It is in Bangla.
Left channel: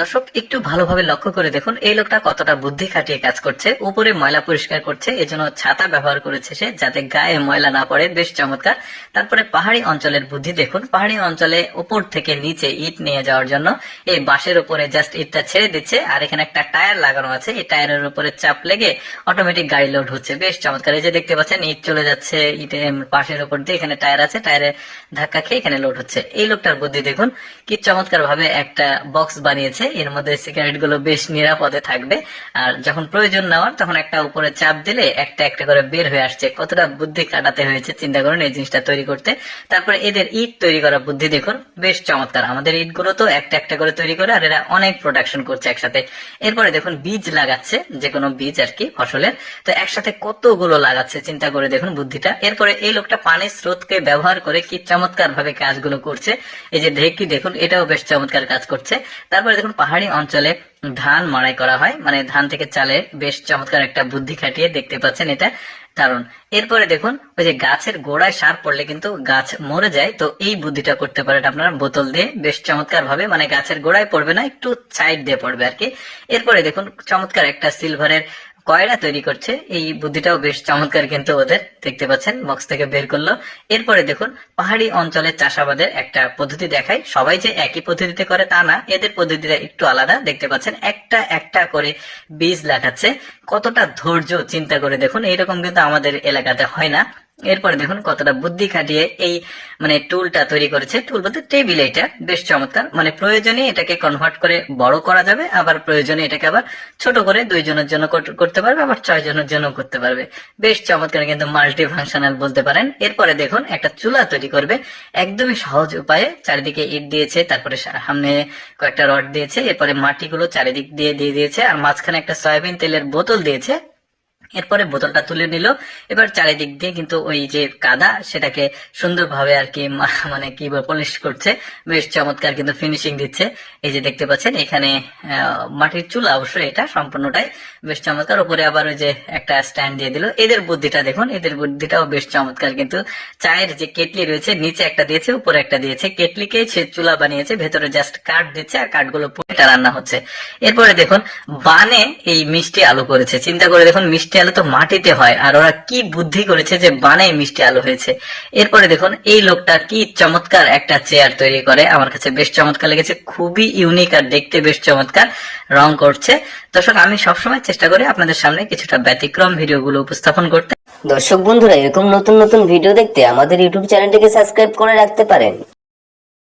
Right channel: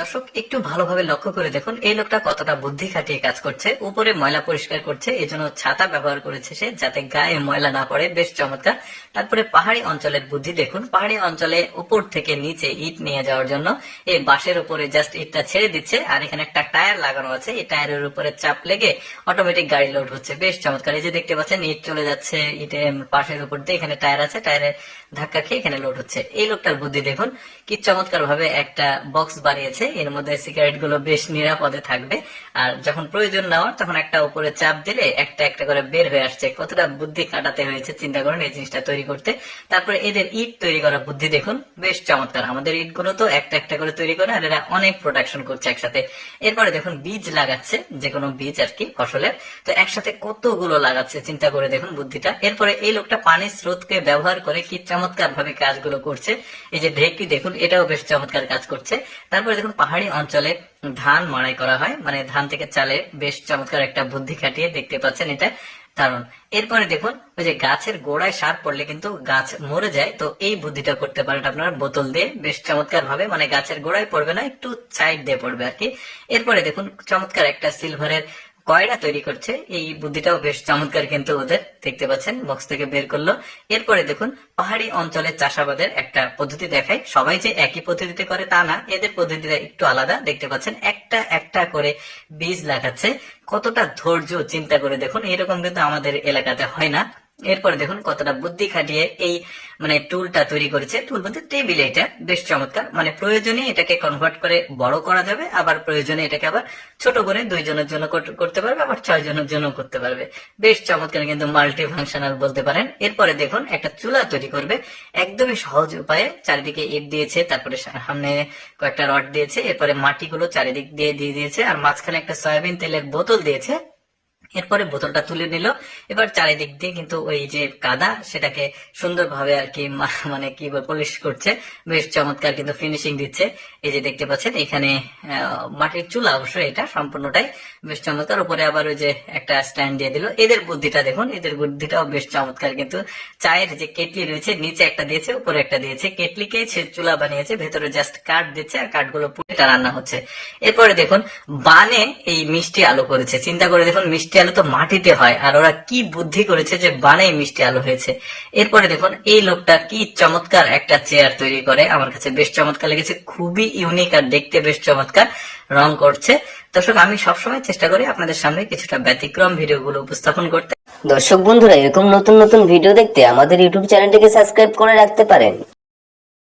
দর্শক, একটু ভালোভাবে লক্ষ্য করে দেখুন, এই লোকটা কতটা বুদ্ধি খাটিয়ে কাজ করছে। উপরে ময়লা পরিষ্কার করছে, এজন্য ছাতা ব্যবহার করেছে সে, যাতে গায়ে ময়লা না পড়ে। বেশ চমৎকার। তারপরে পাহাড়ি অঞ্চলের বুদ্ধি দেখুন। পাহাড়ি অঞ্চলে উপর থেকে নিচে ইট নিয়ে যাওয়ার জন্য এই বাঁশের উপরে জাস্ট ইটটা ছেড়ে দিচ্ছে, আর এখানে একটা টায়ার লাগানো আছে। এই টায়ারের উপরে চাপ লেগে অটোমেটিক গাড়ি লোড হচ্ছে। বেশ চমৎকার। এই যে দেখতে পাচ্ছেন, ইট চলে যাচ্ছে ইটে পাশের উপর দিয়ে এখানে টায়ার আছে টায়ারে ধাক্কা খেয়ে এখানে লোড হচ্ছে। এই লোকটার বুদ্ধি দেখুন, কি চমৎকার ভাবে একটা বক্স বানিয়েছে। এর মধ্যে সিগারেটগুলো বেশ নিরাপদে থাকবে। আর যখন প্রয়োজন নেওয়ার, তখন একটা উপরে চাপ দিলে একটা একটা করে বের হয়ে আসছে। কতটা বুদ্ধি কাটাতে হয়েছে, চিন্তা করুন এই জিনিসটা তৈরি করতে। তারপরে এদের ইট তৈরি করার বুদ্ধি দেখুন, বেশ চমৎকার। আমাদের ইটগুলো তো একটা একটা করে তৈরি করে, আর এরা অনেক প্রোডাকশন করছে একসাথে। এরপরে দেখুন, বীজ লাগাচ্ছে যে কোনো বীজ আর কি, ফসলের। তো একসাথে কতগুলো লাগাচ্ছে, চিন্তা করে দেখুন বুদ্ধিটা। এরপরে এই লোকটা পানির স্রোতকে ব্যবহার করে কি চমৎকার ভাবে কাজগুলো করছে। এই যে ঢেকি দেখুন, এটাও বেশ চমৎকার কাজ করছে। তারপরে দেখুন পাহাড়ি অঞ্চলে ধান মাড়াই করা হয়। মানে ধান থেকে চালে বেশ চমৎকার একটা বুদ্ধি খাটিয়ে দেখতে পাচ্ছেন এটা কারণ। এরপরে দেখুন, ওই যে গাছের গোড়ায় সার পড়লে কিন্তু গাছ মরে যায়। তো এই বুদ্ধিটা করতে পারেন আপনার বোতল দিয়ে। বেশ চমৎকার ভাবে মানে গাছের গোড়ায় পড়বে না, একটু সাইড দিয়ে পড়বে আর কি। এরপরে দেখুন, চমৎকার একটা সিলভারের কয়লা তৈরি করছে, এই বুদ্ধিটাও বেশ চমৎকার কিন্তু ওদের দেখতে পাচ্ছেন বক্স থেকে বের করল। এরপরে দেখুন, পাহাড়ি অঞ্চলের চাষাবাদের একটা পদ্ধতি দেখায়। সবাই যে একই পদ্ধতিতে করে তা না, এদের পদ্ধতিটা একটু আলাদা। দেখতে পাচ্ছেন, একটা একটা করে বীজ লাগাচ্ছে। কতটা ধৈর্য, চিন্তা করে দেখুন, এইরকম কিন্তু আমাদের এলাকাতে হয় না। এরপরে দেখুন কতটা বুদ্ধি খাটিয়ে এই মানে টুলটা তৈরি করেছে। টুল বলতে টেবিল এটা, বেশ চমৎকার। মানে প্রয়োজনে এটাকে কনভার্ট করে বড় করা যাবে, আবার প্রয়োজনে এটাকে আবার ছোট করে দুইজনের জন্য করতে পারবে, আবার ছয় জনের জন্য করতে পারবে। বেশ চমৎকার কিন্তু মাল্টি ফাংশনাল বলতে পারেন। এরপরে দেখুন একটা চুলা তৈরি করবে, একদমই সহজ উপায়ে। চারিদিকে ইট দিয়েছে, তারপরে সামনে কয়েকটা রড দিয়েছে, এরপরে মাটিগুলো চারিদিক দিয়ে দিয়ে দিয়েছে, আর মাঝখানে একটা সয়াবিন তেলের বোতল দিয়েছে। এরপরে বোতলটা তুলে নিল। এবার চারিদিক দিয়ে কিন্তু ওই যে কাদা, সেটাকে সুন্দরভাবে আর কি মানে কি পলিশ করছে। বেশ চমৎকার কিন্তু ফিনিশিং দিচ্ছে। এই যে দেখতে পাচ্ছেন, এখানে মাটির চুলা অবশ্যই এটা সম্পূর্ণটাই বেশ চমৎকার। উপরে আবার ওই যে একটা স্ট্যান্ড দিয়ে দিল। এদের বুদ্ধিটা দেখুন, এদের বুদ্ধিটাও বেশ চমৎকার কিন্তু। চায়ের যে কেটলি রয়েছে, নিচে একটা দিয়েছে, উপরে একটা দিয়েছে। কেটলিকেই সে চুলা বানিয়েছে, ভেতরে জাস্ট কাঠ দিচ্ছে আর কাঠগুলো পরে এটা রান্না হচ্ছে। এরপরে দেখুন, বানে এই মিষ্টি আলু করেছে। চিন্তা করে দেখুন, মিষ্টি আলু তো মাটিতে হয়, আর ওরা কি বুদ্ধি করেছে যে বানে মিষ্টি আলু হয়েছে। এরপরে দেখুন, এই লোকটা কি চমৎকার একটা চেয়ার তৈরি করে। আমার কাছে বেশ চমৎকার লেগেছে, খুবই ইউনিক আর দেখতে বেশ চমৎকার রং করছে। দর্শক, আমি সবসময় চেষ্টা করি আপনাদের সামনে কিছুটা ব্যতিক্রম ভিডিওগুলো উপস্থাপন করতে। দর্শক বন্ধুরা, এরকম নতুন নতুন ভিডিও দেখতে আমাদের ইউটিউব চ্যানেলটিকে সাবস্ক্রাইব করে রাখতে পারেন।